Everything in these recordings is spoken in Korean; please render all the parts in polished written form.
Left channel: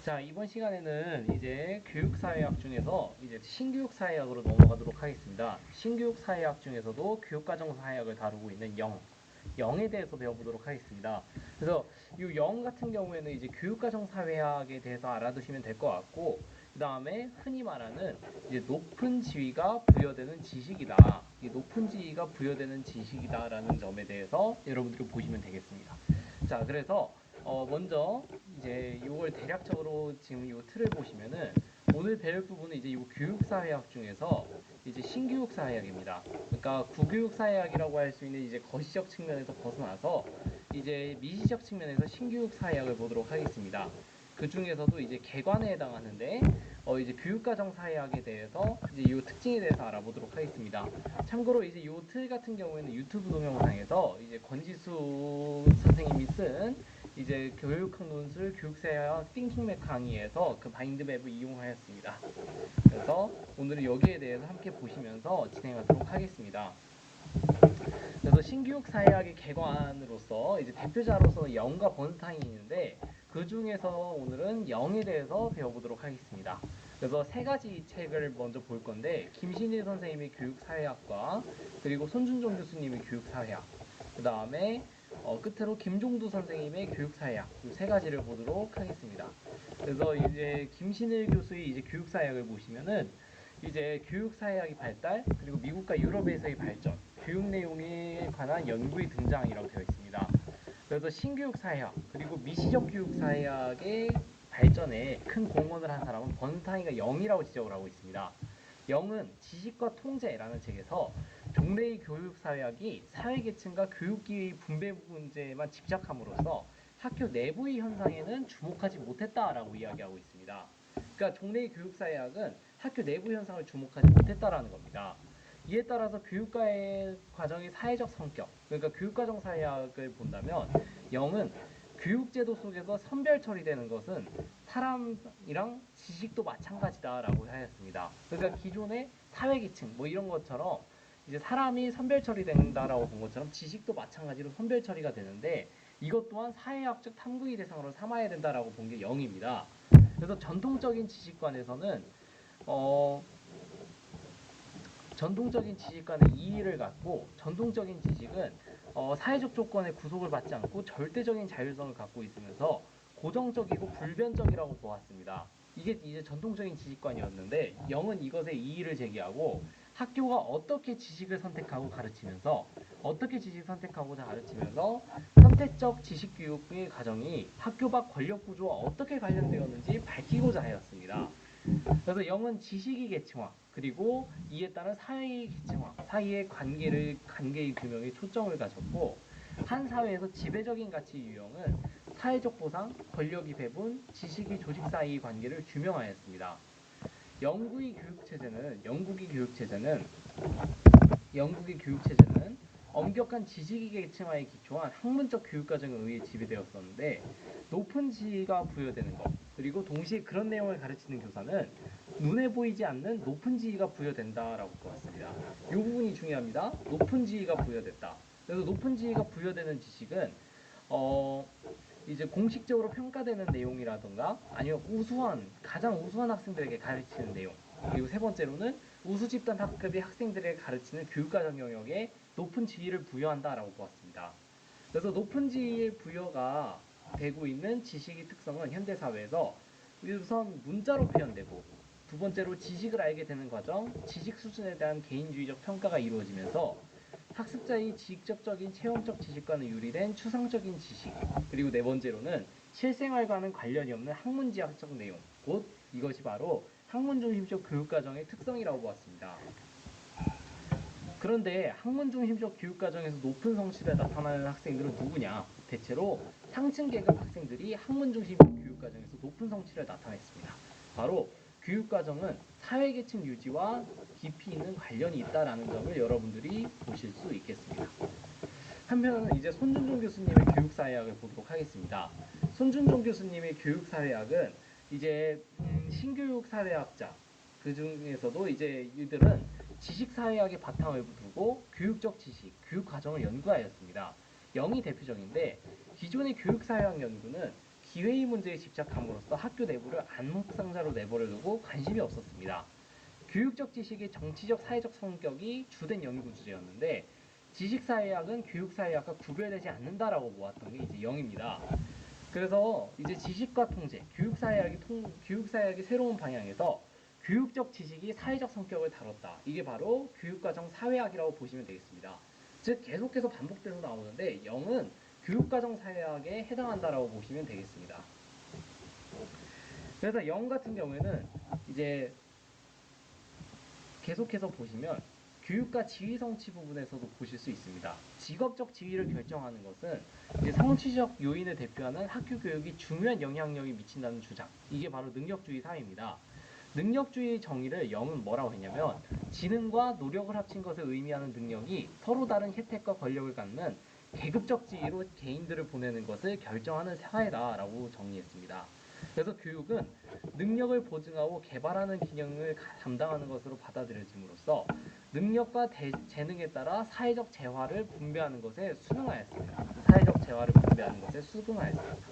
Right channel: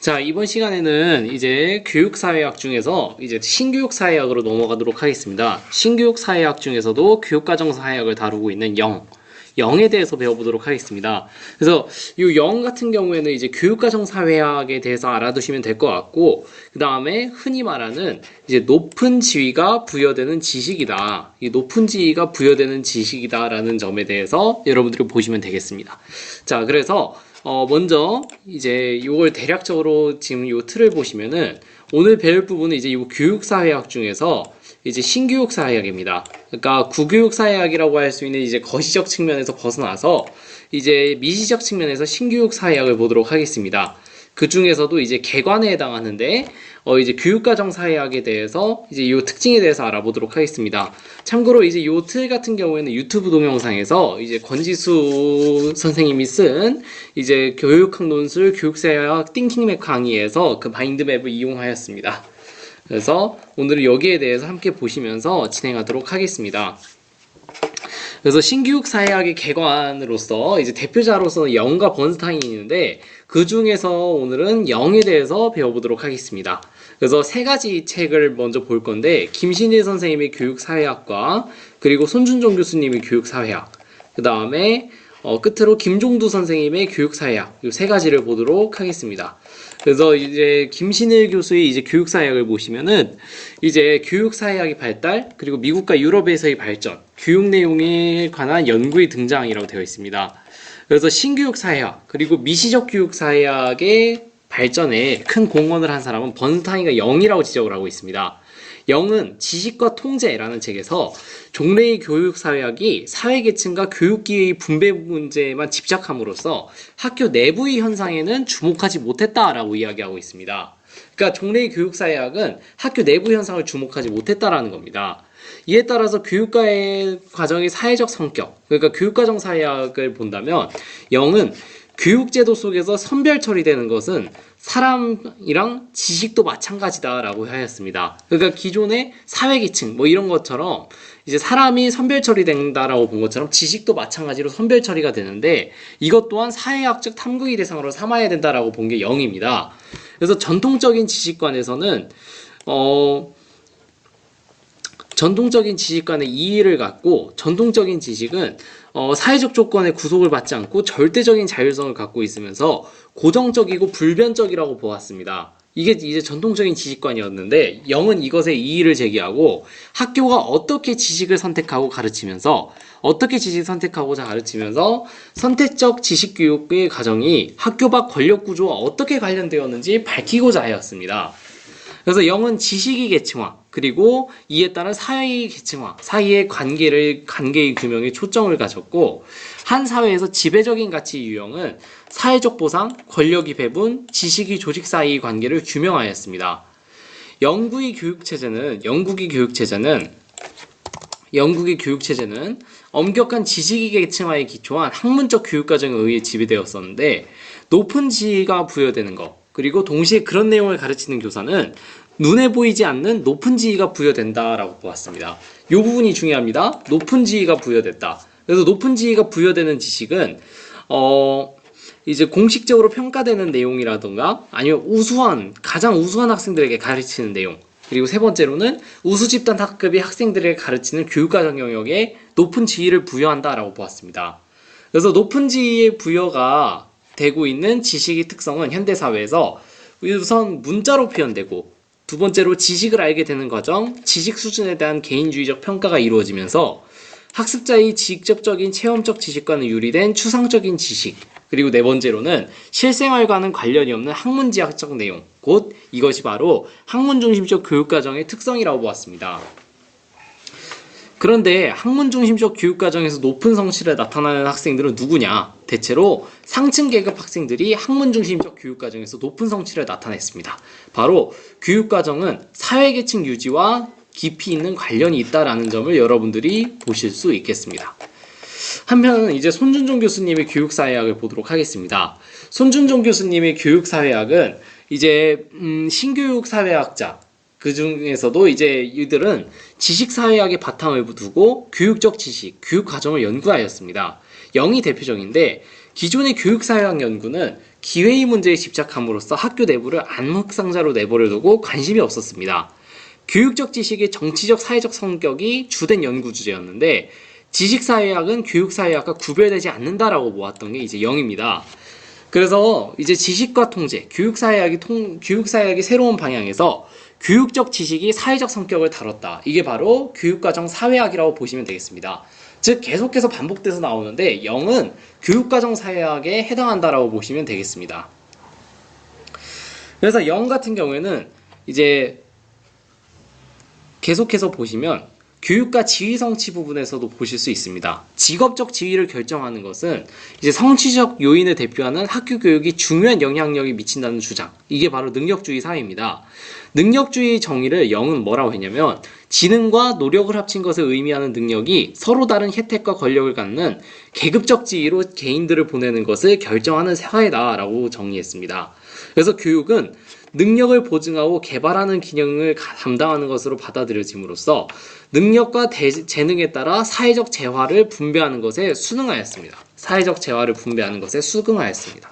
자, 이번 시간에는 이제 교육사회학 중에서 이제 신교육사회학으로 넘어가도록 하겠습니다. 신교육사회학 중에서도 교육과정사회학을 다루고 있는 영에 대해서 배워보도록 하겠습니다. 그래서 이 영 같은 경우에는 이제 교육과정사회학에 대해서 알아두시면 될 것 같고, 그 다음에 흔히 말하는 이제 높은 지위가 부여되는 지식이다. 이 높은 지위가 부여되는 지식이다라는 점에 대해서 여러분들이 보시면 되겠습니다. 자, 그래서 먼저 이제 요걸 대략적으로 지금 요 틀을 보시면은 오늘 배울 부분은 이제 요 교육사회학 중에서 이제 신교육사회학입니다. 그러니까 구교육사회학이라고 할 수 있는 이제 거시적 측면에서 벗어나서 이제 미시적 측면에서 신교육사회학을 보도록 하겠습니다. 그 중에서도 이제 개관에 해당하는데 이제 교육과정사회학에 대해서 이제 이 특징에 대해서 알아보도록 하겠습니다. 참고로 이제 이 틀 같은 경우에는 유튜브 동영상에서 이제 권지수 선생님이 쓴 이제 교육학 논술 교육사회학 띵킹맵 강의에서 그 마인드맵을 이용하였습니다. 그래서 오늘은 여기에 대해서 함께 보시면서 진행하도록 하겠습니다. 그래서 신교육사회학의 개관으로서 이제 대표자로서는 영과 번스타인이 있는데 그 중에서 오늘은 영에 대해서 배워보도록 하겠습니다. 그래서 세 가지 책을 먼저 볼 건데 김신일 선생님의 교육사회학과 그리고 손준종 교수님의 교육사회학 그 다음에 끝으로 김종두 선생님의 교육사회학 이 세 가지를 보도록 하겠습니다. 그래서 이제 김신일 교수의 이제 교육사회학을 보시면은 이제 교육사회학의 발달 그리고 미국과 유럽에서의 발전, 교육 내용에 관한 연구의 등장이라고 되어 있습니다. 그래서 신교육사회학 그리고 미시적 교육사회학의 발전에 큰 공헌을 한 사람은 번스타인과 영이라고 지적을 하고 있습니다. 영은 지식과 통제라는 책에서 종래의 교육사회학이 사회계층과 교육기회의 분배 문제에만 집착함으로써 학교 내부의 현상에는 주목하지 못했다라고 이야기하고 있습니다. 그러니까 종래의 교육사회학은 학교 내부 현상을 주목하지 못했다라는 겁니다. 이에 따라서 교육과의 과정의 사회적 성격, 그러니까 교육과정사회학을 본다면 영은 교육제도 속에서 선별 처리되는 것은 사람이랑 지식도 마찬가지다라고 하였습니다. 그러니까 기존의 사회계층 뭐 이런 것처럼 이제 사람이 선별 처리된다라고 본 것처럼 지식도 마찬가지로 선별 처리가 되는데 이것 또한 사회학적 탐구의 대상으로 삼아야 된다라고 본 게 영입니다. 그래서 전통적인 지식관에서는 전통적인 지식관의 이의를 갖고 전통적인 지식은 사회적 조건에 구속을 받지 않고 절대적인 자율성을 갖고 있으면서 고정적이고 불변적이라고 보았습니다. 이게 이제 전통적인 지식관이었는데 영은 이것에 이의를 제기하고 학교가 어떻게 지식을 선택하고 가르치면서 어떻게 지식을 선택하고자 가르치면서 선택적 지식교육의 과정이 학교 밖 권력구조와 어떻게 관련되었는지 밝히고자 하였습니다. 그래서 영은 지식의 계층화 그리고 이에 따른 사회의 계층화 사이의 관계의 규명에 초점을 가졌고 한 사회에서 지배적인 가치 유형은 사회적 보상, 권력의 배분, 지식의 조직 사이의 관계를 규명하였습니다. 영국의 교육체제는 엄격한 지식의 계층화에 기초한 학문적 교육과정에 의해 지배되었었는데 높은 지위가 부여되는 것 그리고 동시에 그런 내용을 가르치는 교사는 눈에 보이지 않는 높은 지위가 부여된다라고 보았습니다. 이 부분이 중요합니다. 높은 지위가 부여됐다. 그래서 높은 지위가 부여되는 지식은 이제 공식적으로 평가되는 내용이라든가 아니면 가장 우수한 학생들에게 가르치는 내용 그리고 세 번째로는 우수집단 학급의 학생들에게 가르치는 교육과정 영역에 높은 지위를 부여한다라고 보았습니다. 그래서 높은 지위의 부여가 되고 있는 지식의 특성은 현대사회에서 우선 문자로 표현되고 두 번째로 지식을 알게 되는 과정, 지식 수준에 대한 개인주의적 평가가 이루어지면서 학습자의 직접적인 체험적 지식과는 유리된 추상적인 지식 그리고 네 번째로는 실생활과는 관련이 없는 학문지학적 내용 곧 이것이 바로 학문중심적 교육과정의 특성이라고 보았습니다. 그런데 학문중심적 교육과정에서 높은 성취를 나타나는 학생들은 누구냐? 대체로 상층 계급 학생들이 학문중심적 교육과정에서 높은 성취를 나타냈습니다. 바로 교육과정은 사회계층 유지와 깊이 있는 관련이 있다라는 점을 여러분들이 보실 수 있겠습니다. 한편 이제 손준종 교수님의 교육사회학을 보도록 하겠습니다. 손준종 교수님의 교육사회학은 이제 신교육사회학자 그 중에서도 이제 이들은 지식사회학의 바탕을 두고 교육적 지식, 교육 과정을 연구하였습니다. 영이 대표적인데 기존의 교육사회학 연구는 기회의 문제에 집착함으로써 학교 내부를 암흑상자로 내버려두고 관심이 없었습니다. 교육적 지식의 정치적 사회적 성격이 주된 연구 주제였는데 지식사회학은 교육사회학과 구별되지 않는다라고 모았던 게 이제 0입니다. 그래서 이제 지식과 통제, 교육사회학이 새로운 방향에서 교육적 지식이 사회적 성격을 다뤘다. 이게 바로 교육과정 사회학이라고 보시면 되겠습니다. 즉 계속해서 반복돼서 나오는데 0은 교육과정 사회학에 해당한다라고 보시면 되겠습니다. 그래서 0 같은 경우에는 이제 계속해서 보시면 교육과 지위 성취 부분에서도 보실 수 있습니다. 직업적 지위를 결정하는 것은 이제 성취적 요인을 대표하는 학교 교육이 중요한 영향력이 미친다는 주장. 이게 바로 능력주의 사회입니다. 능력주의 정의를 0은 뭐라고 했냐면 지능과 노력을 합친 것을 의미하는 능력이 서로 다른 혜택과 권력을 갖는 계급적 지위로 개인들을 보내는 것을 결정하는 사회다라고 정의했습니다. 그래서 교육은 능력을 보증하고 개발하는 기능을 담당하는 것으로 받아들여짐으로써 능력과 재능에 따라 사회적 재화를 분배하는 것에 수능하였습니다. 사회적 재화를 분배하는 것에 수긍하였습니다.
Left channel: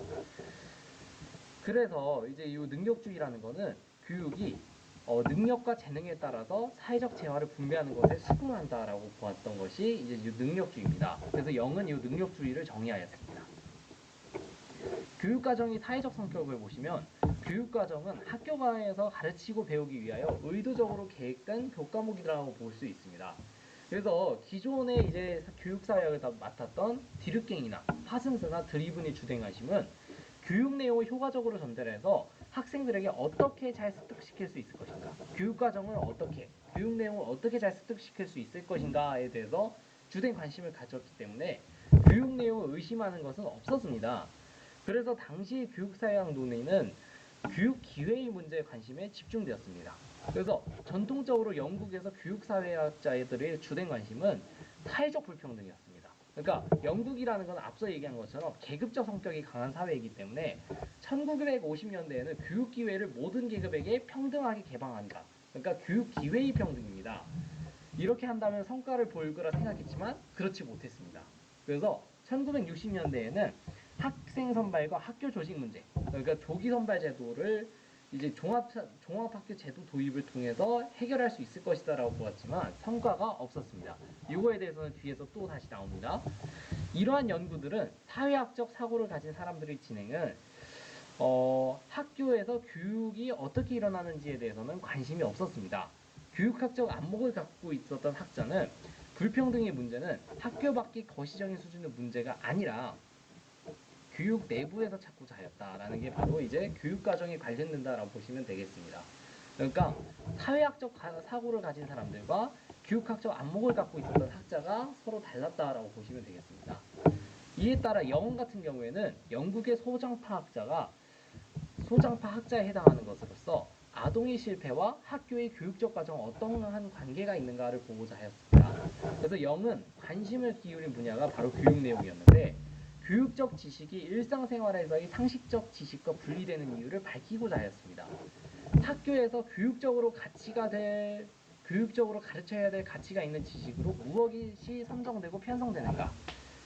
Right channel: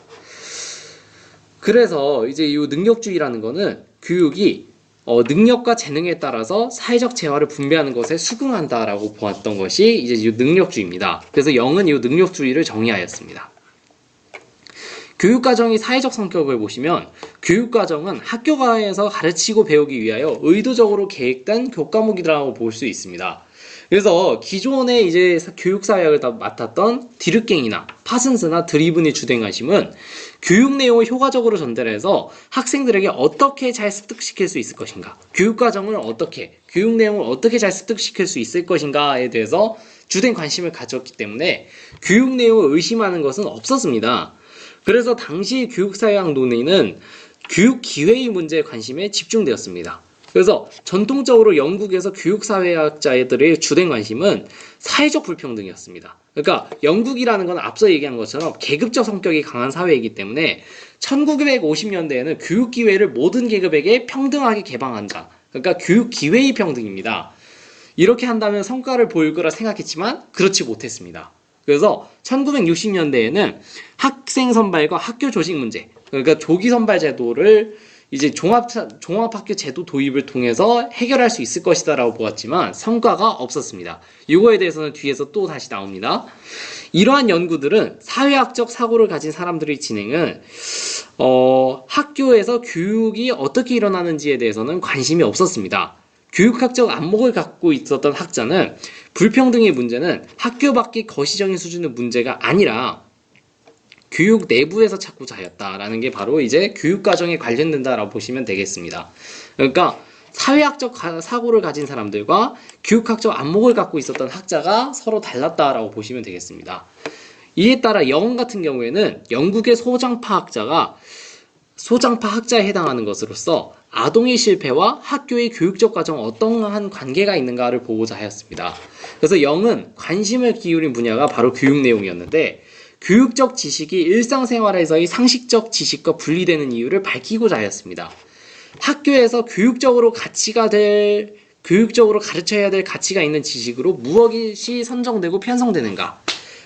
그래서 이제 이 능력주의라는 거는 교육이 능력과 재능에 따라서 사회적 재화를 분배하는 것에 수긍한다라고 보았던 것이 이제 이 능력주의입니다. 그래서 0은 이 능력주의를 정의하였습니다. 교육과정이 사회적 성격을 보시면 교육과정은 학교가에서 가르치고 배우기 위하여 의도적으로 계획된 교과목이라고 볼 수 있습니다. 그래서 기존에 이제 교육사회학을 맡았던 디르갱이나 파슨스나 드리븐이 주된 관심은 교육 내용을 효과적으로 전달해서 학생들에게 어떻게 잘 습득시킬 수 있을 것인가, 교육 내용을 어떻게 잘 습득시킬 수 있을 것인가에 대해서 주된 관심을 가졌기 때문에 교육 내용을 의심하는 것은 없었습니다. 그래서 당시 교육사회학 논의는 교육 기회의 문제에 관심에 집중되었습니다. 그래서 전통적으로 영국에서 교육사회학자들의 주된 관심은 사회적 불평등이었습니다. 그러니까 영국이라는 건 앞서 얘기한 것처럼 계급적 성격이 강한 사회이기 때문에 1950년대에는 교육 기회를 모든 계급에게 평등하게 개방한다. 그러니까 교육 기회의 평등입니다. 이렇게 한다면 성과를 보일 거라 생각했지만 그렇지 못했습니다. 그래서 1960년대에는 학생 선발과 학교 조직 문제, 그러니까 조기 선발 제도를 이제 종합학교 제도 도입을 통해서 해결할 수 있을 것이다라고 보았지만 성과가 없었습니다. 이거에 대해서는 뒤에서 또 다시 나옵니다. 이러한 연구들은 사회학적 사고를 가진 사람들의 진행은 학교에서 교육이 어떻게 일어나는지에 대해서는 관심이 없었습니다. 교육학적 안목을 갖고 있었던 학자는 불평등의 문제는 학교 밖의 거시적인 수준의 문제가 아니라 교육 내부에서 찾고자 하였다라는 게 바로 이제 교육과정에 관련된다라고 보시면 되겠습니다. 그러니까 사회학적 사고를 가진 사람들과 교육학적 안목을 갖고 있었던 학자가 서로 달랐다라고 보시면 되겠습니다. 이에 따라 영 같은 경우에는 영국의 소장파 학자에 해당하는 것으로서 아동의 실패와 학교의 교육적 과정 어떠한 관계가 있는가를 보고자 하였습니다. 그래서 0은 관심을 기울인 분야가 바로 교육 내용이었는데 교육적 지식이 일상생활에서의 상식적 지식과 분리되는 이유를 밝히고자 하였습니다. 학교에서 교육적으로 가르쳐야 될 가치가 있는 지식으로 무엇이 선정되고 편성되는가,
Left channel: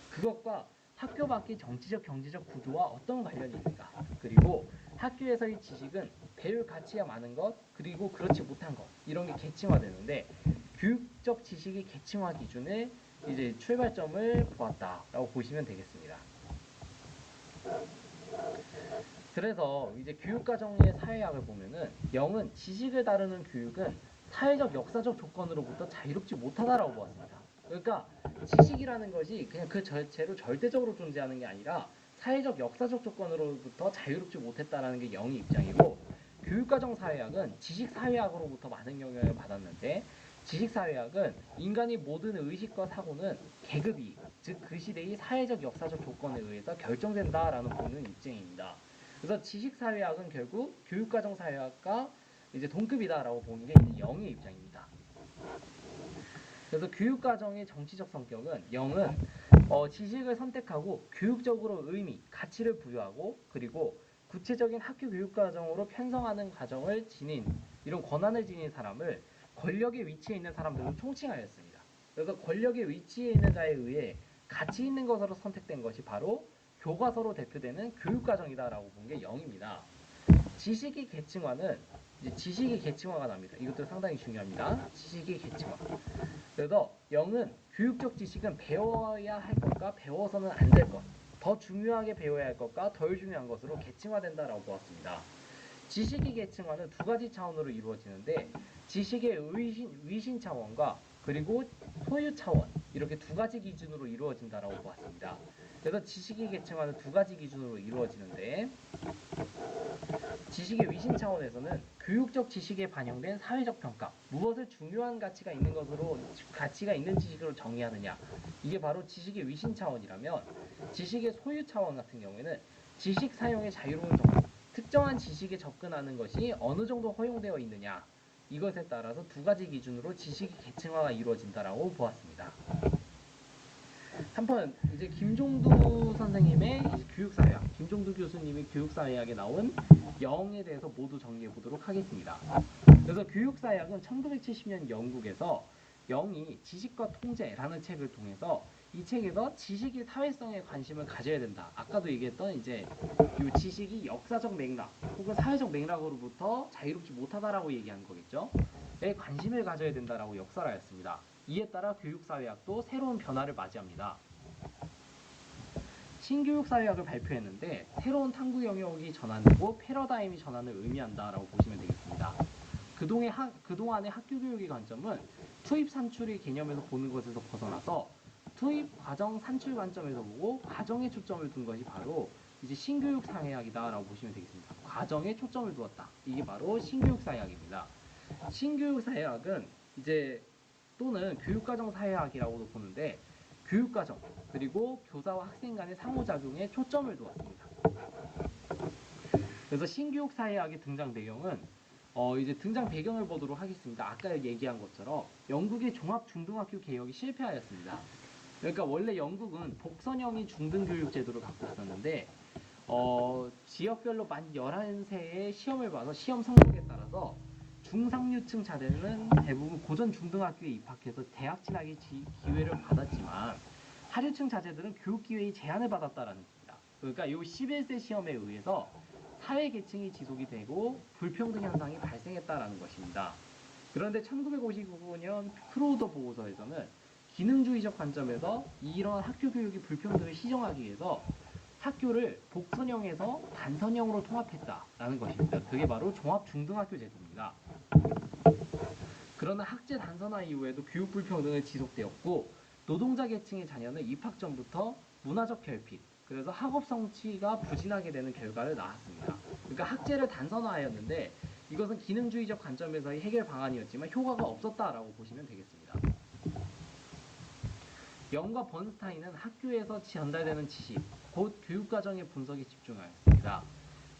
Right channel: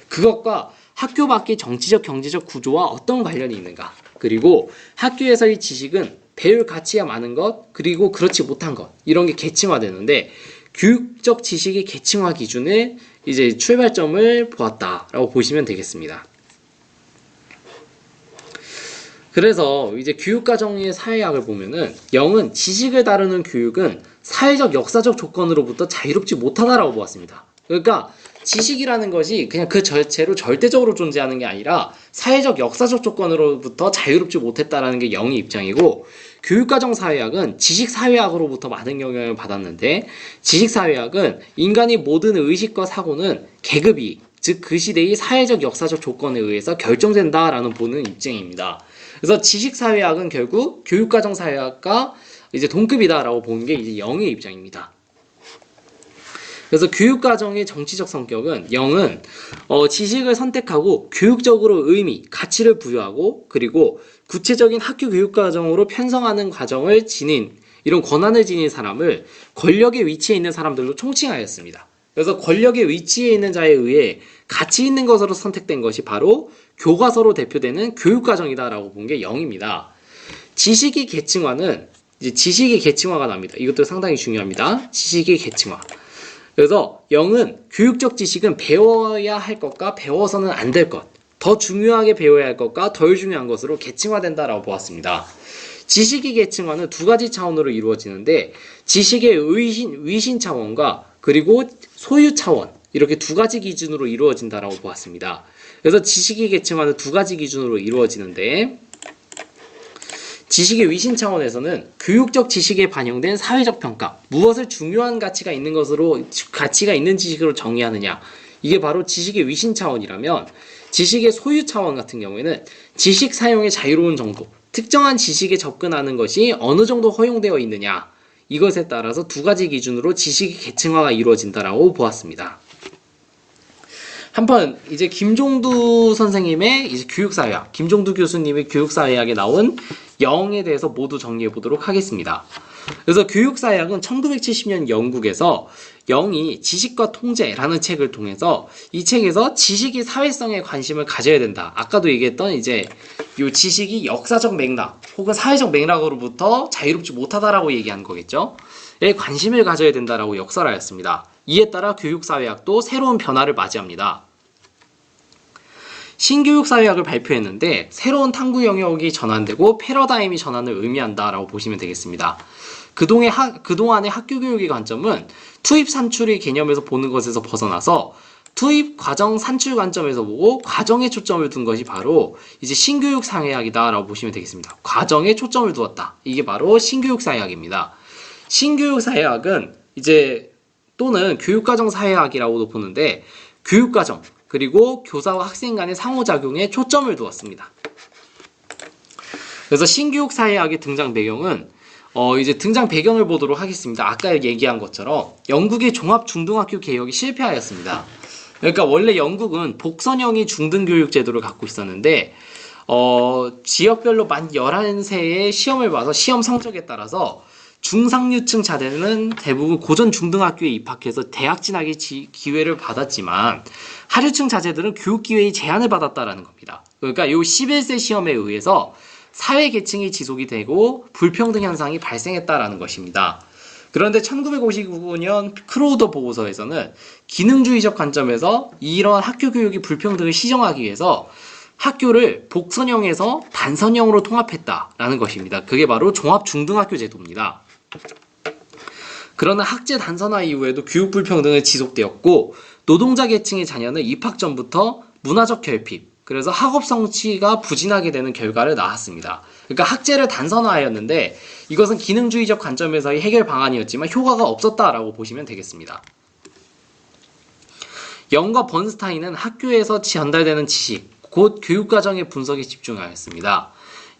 그것과 학교 밖의 정치적 경제적 구조와 어떤 관련이 있는가, 그리고 학교에서의 지식은 배울 가치가 많은 것, 그리고 그렇지 못한 것, 이런 게 계층화되는데 교육적 지식의 계층화 기준을 이제 출발점을 보았다라고 보시면 되겠습니다. 그래서 이제 교육과정의 사회학을 보면은 0은 지식을 다루는 교육은 사회적 역사적 조건으로부터 자유롭지 못하다라고 보았습니다. 그러니까 지식이라는 것이 그냥 그 자체로 절대적으로 존재하는 게 아니라 사회적 역사적 조건으로부터 자유롭지 못했다라는 게 0의 입장이고, 교육과정 사회학은 지식사회학으로부터 많은 영향을 받았는데 지식사회학은 인간의 모든 의식과 사고는 계급이, 즉 그 시대의 사회적 역사적 조건에 의해서 결정된다라는 보는 입장입니다. 그래서 지식사회학은 결국 교육과정 사회학과 이제 동급이다라고 보는 게 이제 0의 입장입니다. 그래서 교육과정의 정치적 성격은 0은 지식을 선택하고 교육적으로 의미, 가치를 부여하고 그리고 구체적인 학교 교육과정으로 편성하는 과정을 지닌, 이런 권한을 지닌 사람을 권력의 위치에 있는 사람들로 총칭하였습니다. 그래서 권력의 위치에 있는 자에 의해 가치 있는 것으로 선택된 것이 바로 교과서로 대표되는 교육과정이다라고 본 게 0입니다. 지식의 계층화는 이제 지식의 계층화가 납니다. 이것도 상당히 중요합니다. 지식의 계층화. 그래서 0은 교육적 지식은 배워야 할 것과 배워서는 안 될 것, 더 중요하게 배워야 할 것과 덜 중요한 것으로 계층화된다라고 보았습니다. 지식의 계층화는 두 가지 차원으로 이루어지는데 지식의 위신 차원과 그리고 소유 차원 이렇게 두 가지 기준으로 이루어진다라고 보았습니다. 그래서 지식의 계층화는 두 가지 기준으로 이루어지는데 지식의 위신 차원에서는 교육적 지식에 반영된 사회적 평가, 무엇을 중요한 가치가 있는 것으로 가치가 있는 지식으로 정의하느냐, 이게 바로 지식의 위신 차원이라면 지식의 소유 차원 같은 경우에는 지식 사용의 자유로운 정도, 특정한 지식에 접근하는 것이 어느 정도 허용되어 있느냐, 이것에 따라서 두 가지 기준으로 지식의 계층화가 이루어진다라고 보았습니다. 한편 이제 김종두 선생님의 이제 교육사회학, 김종두 교수님의 교육사회학에 나온 0에 대해서 모두 정리해 보도록 하겠습니다. 그래서 교육사회학은 1970년 영국에서 0이 지식과 통제라는 책을 통해서 이 책에서 지식이 사회성에 관심을 가져야 된다. 아까도 얘기했던 이제 이 지식이 역사적 맥락 혹은 사회적 맥락으로부터 자유롭지 못하다라고 얘기한 거겠죠. 에 관심을 가져야 된다라고 역설하였습니다. 이에 따라 교육사회학도 새로운 변화를 맞이합니다. 신교육사회학을 발표했는데 새로운 탐구 영역이 전환되고 패러다임이 전환을 의미한다라고 보시면 되겠습니다. 그동안의 학교교육의 관점은 투입 산출의 개념에서 보는 것에서 벗어나서 투입 과정 산출 관점에서 보고 과정에 초점을 둔 것이 바로 이제 신교육사회학이다라고 보시면 되겠습니다. 과정에 초점을 두었다. 이게 바로 신교육사회학입니다. 신교육사회학은 이제 또는 교육과정사회학이라고도 보는데 교육과정 그리고 교사와 학생 간의 상호작용에 초점을 두었습니다. 그래서 신교육사회학의 등장 배경은 이제 등장 배경을 보도록 하겠습니다. 아까 얘기한 것처럼 영국의 종합중등학교 개혁이 실패하였습니다. 그러니까 원래 영국은 복선형의 중등교육 제도를 갖고 있었는데 지역별로 만 11세의 시험을 봐서 시험 성적에 따라서 중상류층 자들은 대부분 고전 중등학교에 입학해서 대학 진학의 기회를 받았지만 하류층 자제들은 교육 기회의 제한을 받았다라는 겁니다. 그러니까 이 11세 시험에 의해서 사회 계층이 지속이 되고 불평등 현상이 발생했다라는 것입니다. 그런데 1959년 크로우더 보고서에서는 기능주의적 관점에서 이런 학교 교육의 불평등을 시정하기 위해서 학교를 복선형에서 단선형으로 통합했다라는 것입니다. 그게 바로 종합중등학교 제도입니다. 그러나 학제 단선화 이후에도 교육 불평등은 지속되었고 노동자 계층의 자녀는 입학 전부터 문화적 결핍, 그래서 학업 성취가 부진하게 되는 결과를 낳았습니다. 그러니까 학제를 단선화하였는데 이것은 기능주의적 관점에서의 해결 방안이었지만 효과가 없었다라고 보시면 되겠습니다. 영과 번스타인은 학교에서 전달되는 지식, 곧 교육과정의 분석에 집중하였습니다.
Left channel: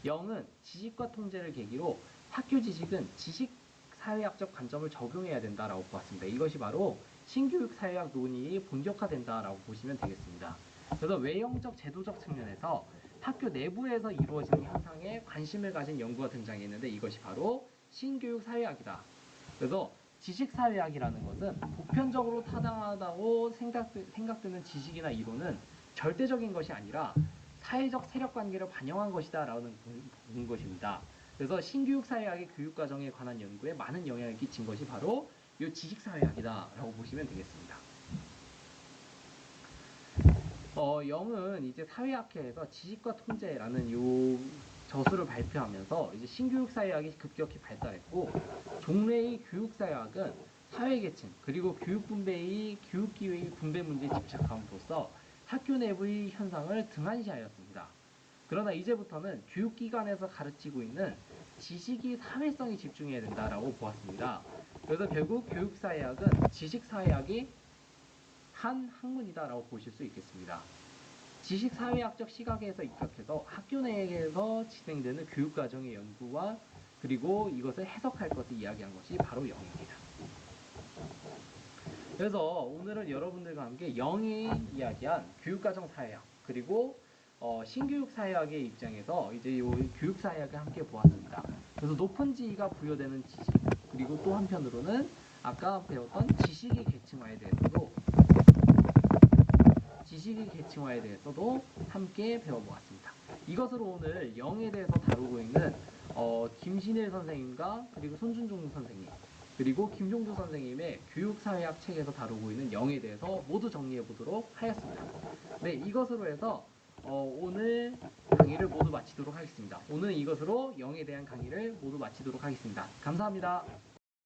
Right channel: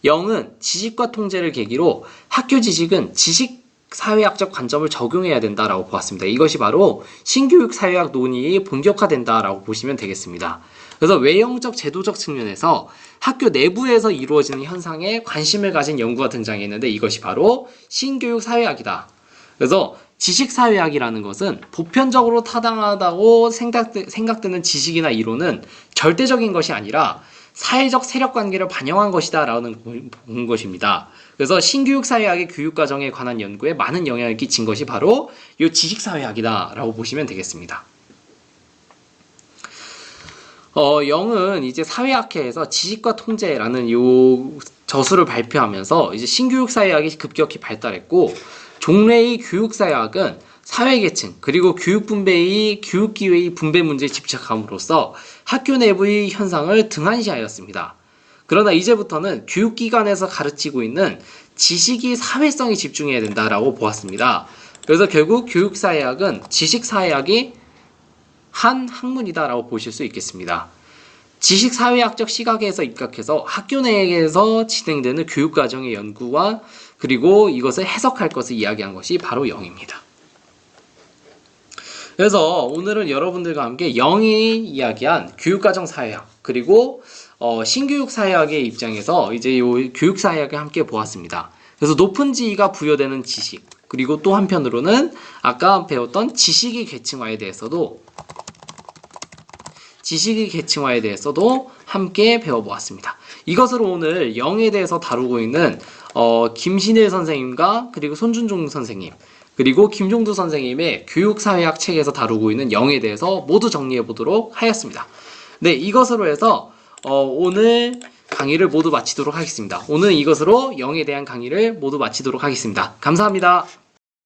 영은 지식과 통제를 계기로 학교 지식은 지식사회학적 관점을 적용해야 된다라고 보았습니다. 이것이 바로 신교육사회학 논의의 본격화된다라고 보시면 되겠습니다. 그래서 외형적 제도적 측면에서 학교 내부에서 이루어지는 현상에 관심을 가진 연구가 등장했는데 이것이 바로 신교육사회학이다. 그래서 지식사회학이라는 것은 보편적으로 타당하다고 생각되는 지식이나 이론은 절대적인 것이 아니라 사회적 세력관계를 반영한 것이다 라는 것입니다. 그래서 신교육사회학의 교육과정에 관한 연구에 많은 영향을 끼친 것이 바로 이 지식사회학이다 라고 보시면 되겠습니다. 영은 이제 사회학회에서 지식과 통제라는 요 저수를 발표하면서 이제 신교육사회학이 급격히 발달했고 종래의 교육사회학은 사회계층 그리고 교육분배의 교육기회의 분배 문제에 집착함으로써 학교 내부의 현상을 등한시하였습니다. 그러나 이제부터는 교육기관에서 가르치고 있는 지식이 사회성에 집중해야 된다라고 보았습니다. 그래서 결국 교육사회학은 지식사회학의 한 학문이다라고 보실 수 있겠습니다. 지식사회학적 시각에서 입각해서 학교 내에서 진행되는 교육과정의 연구와 그리고 이것을 해석할 것을 이야기한 것이 바로 영입니다. 그래서 오늘은 여러분들과 함께 영이 이야기한 교육과정 사회학 그리고 신교육 사회학의 입장에서 이제 이 교육 사회학을 함께 보았습니다. 그래서 높은 지위가 부여되는 지식 그리고 또 한편으로는 아까 배웠던 지식의 계층화에 대해서도 지식의 계층화에 대해서도 함께 배워보았습니다. 이것으로 오늘 영에 대해서 다루고 있는 김신일 선생님과 그리고 손준종 선생님 그리고 김종두 선생님의 교육사회학 책에서 다루고 있는 영에 대해서 모두 정리해 보도록 하였습니다. 네, 이것으로 해서 오늘 강의를 모두 마치도록 하겠습니다. 오늘 이것으로 영에 대한 강의를 모두 마치도록 하겠습니다. 감사합니다.